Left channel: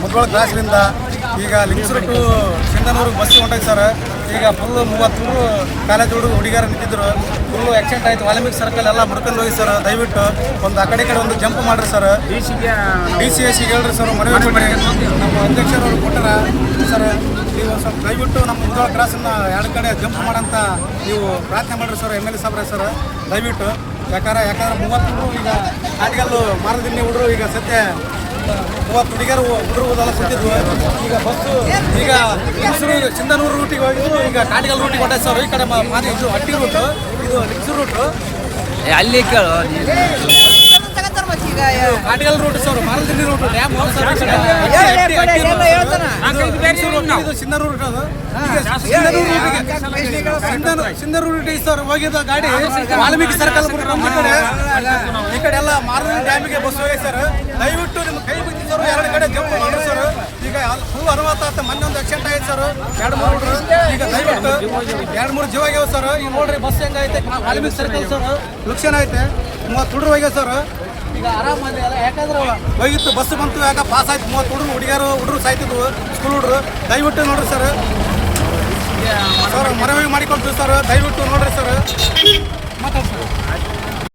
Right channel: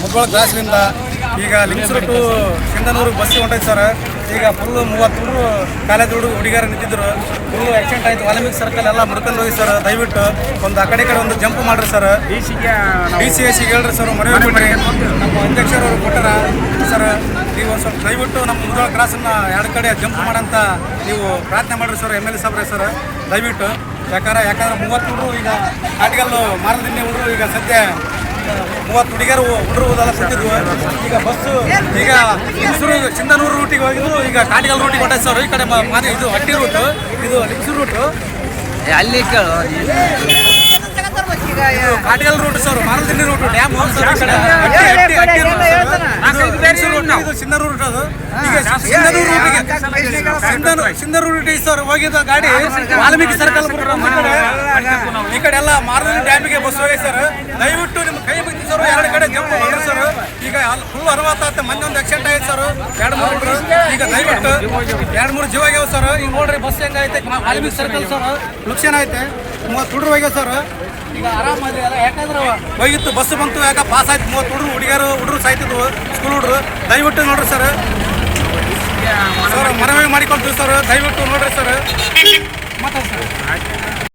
ಮುದ್ಗೋಳ ಕ್ರಾಸ್ಲಿಂದ ಈಗ Lingasuru to ಸಿಂಧನೂರಿಗೆ bus ಹೊಂಟೈತೆ sir. ಈಗ full 30 college ಹುಡುಗಿಯರು ನಿಂತಿದ್ರು. ಫುಲ್ಲು ಆಕ್ಸಿಡೆಂಟ್ ಆಯಿತು. ವಾಲ್ಮೀಕಿ ಸರ್ಕಲ್ ಎಲ್ಲ ಮುಡ್ಕೊಂಡು ಹೋಗಿ ಸರ್. ದಯವಿಟ್ಟು ಒಂದು ಆ ಕಡೆ ಒಂದು ಜಂಪ್ ಮಾಡ್ರಿ ಸರ್. ಡಿ ಸಿ ಹೇಳ್ರಿ ಸರ್, ಮನವಿ ಕೊಡ್ರಿ. ನಮ್ಮ ಅಧ್ಯಕ್ಷರವರು ಕೊಟ್ಟಾರ ಸರ್. ನೀವು ಒಂದು ಸ್ವಲ್ಪ ದಯವಿಟ್ಟು ನಮ್ಮ ಮುದ್ಗೋಳ ಕ್ರಾಸನ್ನು 2 ಕಡೆ ಜಂಪ್ ಮಾಡಂತ ನೀವು ಪ್ರಾರ್ಥನೆ ಮಾಡಿರಿ ಸರ್. MLA ಸಾಬ್ರೆ ಸರ್ ದಯವಿಟ್ಟು. ಯಾಕಂದ್ರೆ 30 ಈಗ ಆಟಿಗಲ್ಲು ಮಾರದಿನ್ನಿ ಹುಡುಗರು ಈಗ ಸದ್ಯ 30 ಹುಡುಗಿಯರು ಹುಡುಗರೆಲ್ಲ ಕೂತಿದ್ವು. ಈಗ ಬಸ್ಸು ಈಗ ಲಿಂಗಸೂರು ಸಿಂಧನೂರು ರೂಟಿಗೆ ಹೋಗಿದ್ರು. ಈಗ ಕಾಟಿಗಲ್ ರೂಟಿಗೆ ಹೊಂಟೈತೆ ಸರ್. ಈ ಕಡೆ ಇದು ಹಟ್ಟಿ ರೂಟು, ಇದು ಲಿಂಗಸೂರು ರೂಟು, ಅಲ್ಲಿ ಕಾಟಿಗಲ್ ರೂಟ್ ಸರ್. ಮಾರದಿನ್ನಿ ರೂಟು ಡ್ಯಾಮ್ ಇದು ಸಿಂಧನೂರು ರೂಟ್. ಅದು ಈಗ ಸಿಂಧನೂರು ರೂಟಿಗೆ ಸಿಂಧನೂರು ರೂಟಿಗೆ ಸರ್ ಹೋಗಿದ್ದ ಗಾಡಿ ವಾಲ್ಮೀಕಿ ಸರ್ಕಲ್ ಈ ಕಡೆ ಎಲ್ಲ ಮಾರದಿನ್ನಿ ಡ್ಯಾಮಿಗೆ ಬಸ್ ಹೋಗಿ ಸರ್. ದಯವಿಟ್ಟು ನಿಮ್ಮ ಕೈ ಬಿದ್ದು ಸರ್. 2 ಕಡೆ ಜಂಪ್ ಮಾಡ್ರಿ ಸರ್. ಈಗ ಫುಲ್ ಅನುವಾತ ಮೊನ್ನೆ ಒಂದು ಆಕ್ಸಿಡೆಂಟ್ ಆಯ್ತು ಸರ್. 2-3 ಈಗ ದಯವಿಟ್ಟು 2-3 ಜೀವ ಆಗ್ಯಾವ ಸರ್. ಈಗ ನೋಡ್ರಿ ಬಸ್ ಹೆಂಗೈತೆ. ವಾಲ್ಮೀಕಿ ಸರ್ಕಲ್ ಸರ್ ಲುಕ್ಷನ್ ಐತೆ. 30 ಹುಡುಗರು ಹೋಗ್ಯಾವ ಸರ್. ಈಗ ಆರಾಮಾಗಿ ಯಾಕಂದ್ರೆ ಹೋಗಿತ್ತು ಬಸ್ ಬಂತು. ಯಾಕೆ ಪಾಸ್ ಆಯ್ತು. 30 ಹುಡುಗರು ಸಾಯ್ತಿದ್ವು, ಸ್ಕೂಲ್ ಹುಡುಗರು. ದಯವಿಟ್ಟು ನೋಡ್ರಿ ಸರ್. ಮನವಿ ಮಾಡಿಕೊಳ್ತೀವಿ ಸರ್. ದಯವಿಟ್ಟು ನೋಡ್ರಿ ಸರ್. ಮಾತಾಡ್ತಾರೆ.